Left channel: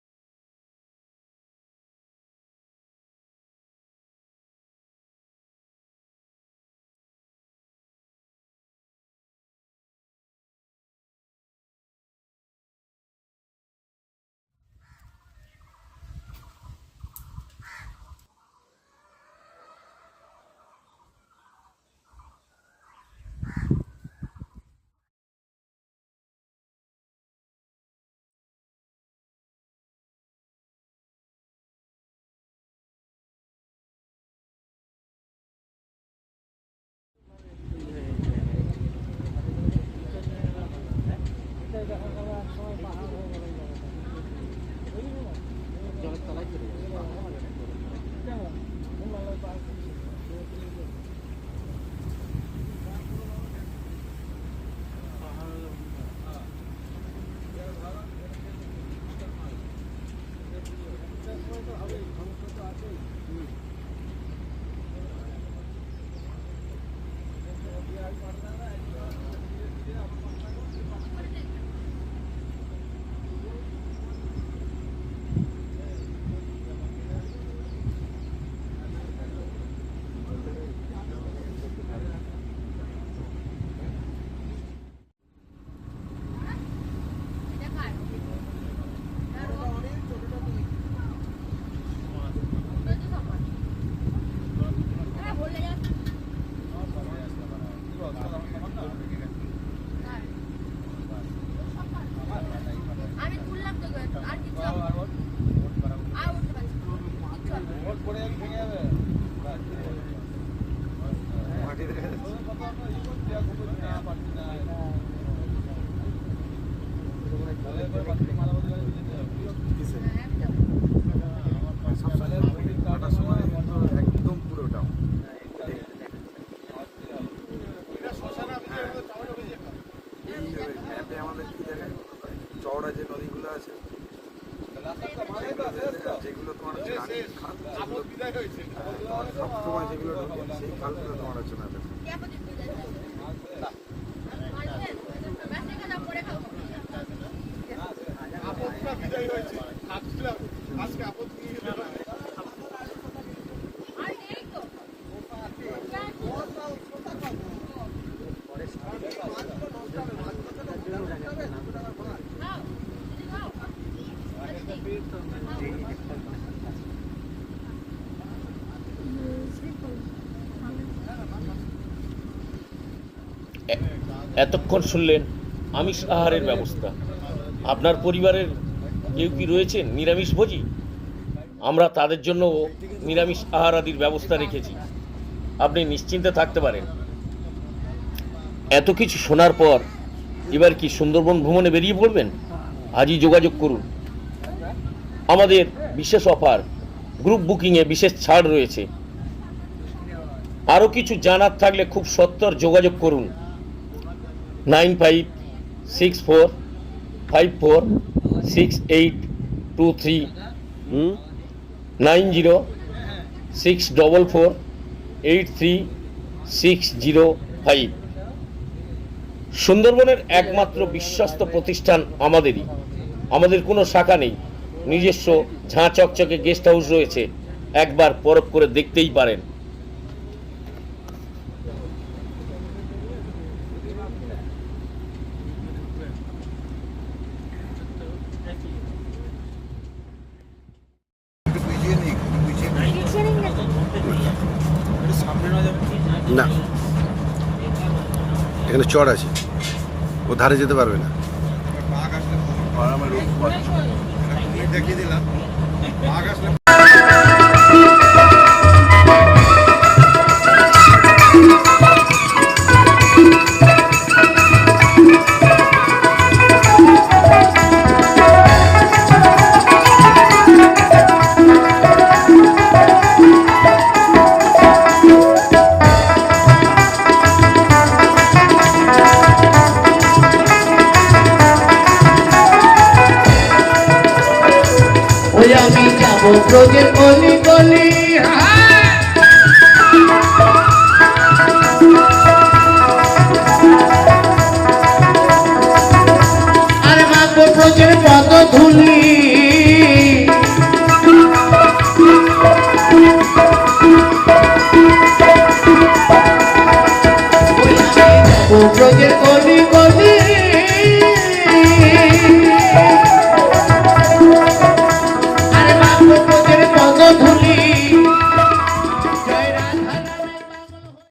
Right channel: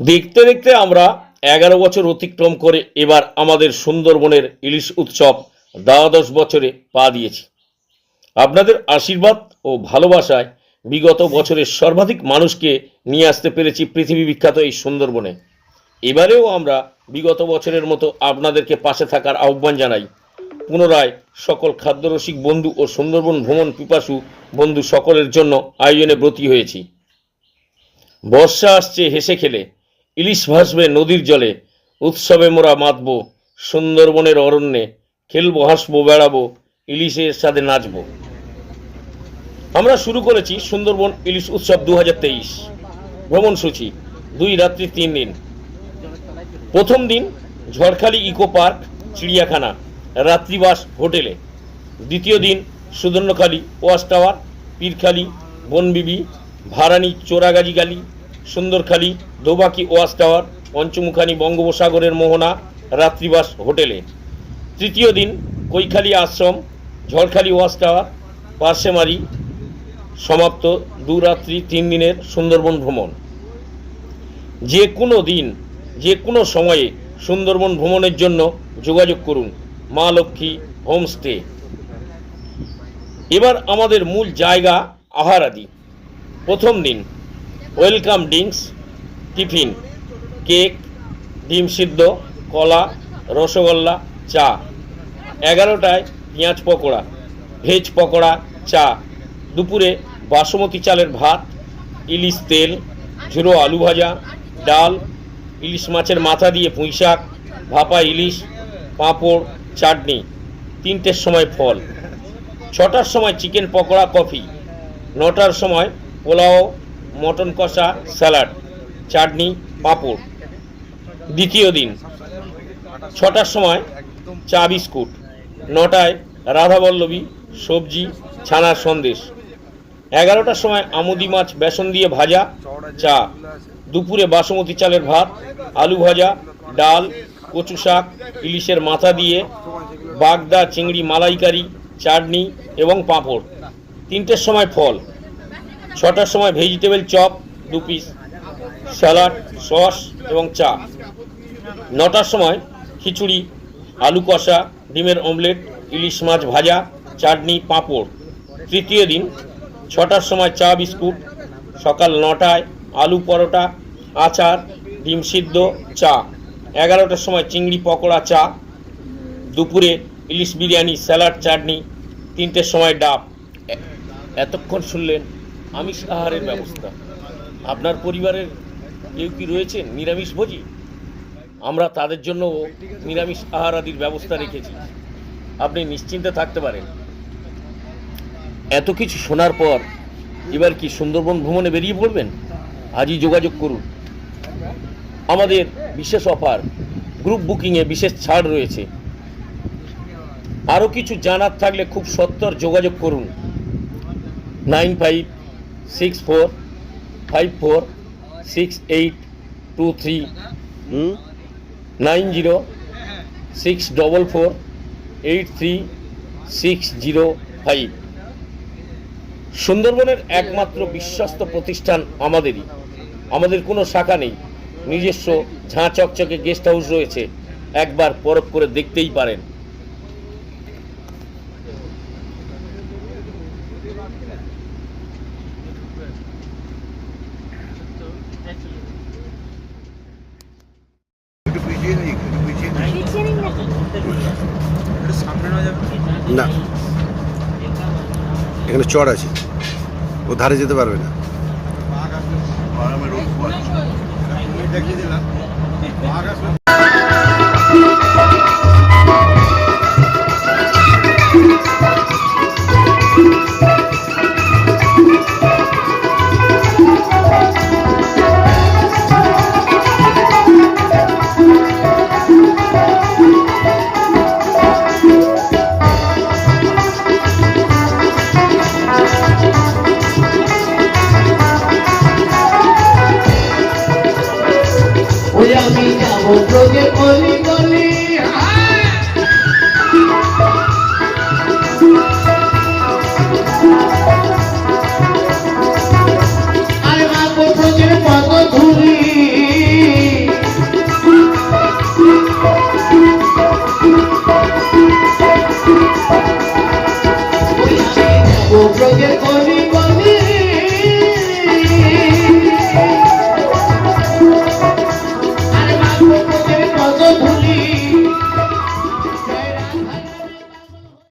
দেখতে দেখতে আমরা 11 বছর অতিক্রম করে এবার আমাদের সুন্দরবনের ইলিশ উৎসব দ্বাদশ বছরে পা দিয়েছি। আপনাদের আশীর্বাদ ও ভালোবাসায় বিগত বছরের সর্বাধিক মানুষকে নিয়ে আসতে পেরেছি পৃথিবী বিখ্যাত এই সুন্দরবনে। এবারেও আমরা বিগত বছরের মতো আপনাদেরকে পাশে থাকার আহ্বান জানাই। পুনরায় সকল খাদ্যরসিক বন্ধু ও সুন্দরবন ভ্রমণ পিপাসু বন্ধু সকলের জন্য আয়োজনে ব্রতী হয়েছি। বর্ষা আসছে হেসে খেলে, ইলিশ ভাসবে নদীর জলে, উৎসবে মোরা মাতব সুন্দরবনের অরণ্যে, খেলবো হাসবো বেড়াবো, ইলিশের সাথে নাচবো। আমরা শুরু করেছি সুন্দরবন ইলিশ উৎসব 2023 ভ্রমণসূচি 2 রাত্রি 3 দিন। প্রথম দিন ঝড়খালি ইকো পার্ক চিড়িয়াখানা রাত্রিবাস হোটেলে। দ্বিতীয় দিন সুদর্ণখালি ওয়াচ টাওয়ার, পীরখালি বনবিবি, ভারানি চোরাগাজী গালি, সুন্দরখালি দোবাকি ওয়াচ টাওয়ার, পঞ্চমুখানি বঙ্গোপসাগরের মোহনা রাত্রিবাস হোটেলে। তৃতীয় দিন কৈখালি আশ্রম, ঝড়খালি ওয়াচ টাওয়ার, পার্সেমারি। সমাপ্ত 2 রাত্রি 3 দিনের সুন্দরবন ভ্রমণ। যে কোনো দিন যে কোনো সময়ে সুন্দরবন ভ্রমণের জন্য যোগাযোগ করুন মা লক্ষ্মী হোমস্টে। এবার আমাদের মূল জায়গা আহারাদি। প্রথম দিন ওয়েলকাম ড্রিঙ্কস, টিফিন, কেক, ডিম সিদ্ধ, কলা, রসগোল্লা, চা। 11টায় পেঁয়াজ পকোড়া, ভেজ পকোড়া, চা। দুপুরে বাসমতি চালের ভাত, ইলিশ তেল, ঝুড়ো আলু ভাজা, ডাল, ইলিশ মাছের মাথা দিয়ে পুঁই শাক, ভাপা ইলিশ, পাঁপড়, চাটনি। 3টের সময় ফল। 6টার সময় চিকেন পকোড়া, কফি। 9টার সময় পোলাও, মটন কষা, স্যালাড, চাটনি, পাঁপড়। দ্বিতীয় দিন 6টার সময় চা বিস্কুট। 9টায় রাধাবল্লভী, সবজি, ছানার সন্দেশ। 11টার সময় আমুদি মাছ বেসন দিয়ে ভাজা, চা। দুপুরে বাসমতি চালের ভাত, আলু ভাজা, ডাল, কচু শাক, ইলিশের মাথা দিয়ে বাগদা চিংড়ি মালাইকারি, চাটনি এবং পাঁপড়। 3টের সময় ফল। 6টার সময় vegetable chop 2 piece, salad, sauce এবং চা। 9টার সময় খিচুড়ি, আলু কষা, ডিমের অমলেট, ইলিশ মাছ ভাজা, চাটনি, পাঁপড়। তৃতীয় দিন 6টার সময় চা বিস্কুট। সকাল 9টায় আলু পরোটা, আচার, ডিম সিদ্ধ, চা। 11টার সময় চিংড়ি পকোড়া, চা। দুপুরে ইলিশ বিরিয়ানি, স্যালাড, চাটনি। 3টের সময় ডাব। এতক্ষণ শুনলেন আমিষ আহারের ব্যবস্থা। আপনার পরিবারের কেউ কি রয়েছেন নিরামিষভোজী? আমরা তাদের জন্য নিরামিষ আহার আদির ব্যবস্থা রেখেছি, আপনি নিশ্চিন্তে থাকতে পারেন। এত কিছু শোনার পর এবার কি সুন্দরবন ভ্রমণে বেরিয়ে পড়বেন? আজই যোগাযোগ করুন। আমাদের বিশেষ অফার, গ্রুপ বুকিংয়ে বিশেষ ছাড় রয়েছে। আরও কিছু জানার থাকলে খুব সত্বর যোগাযোগ করুন 9564546823 9064483605। সুন্দরবনের একমাত্র বিশ্বস্ত প্রতিষ্ঠান আমাদেরই। আমাদের কোনো শাখা নেই, নিজস্ব ঝাঁ চকচকে গেস্ট হাউস রয়েছে, একবার পরখ করে দেখতেই পারেন। না, এখানে চড় আছে, ও ধারে যেতে পারবে না। আমি যাবো ব্রজে গলি গলি, আরে বাবু ব্রজের কত ধুলি।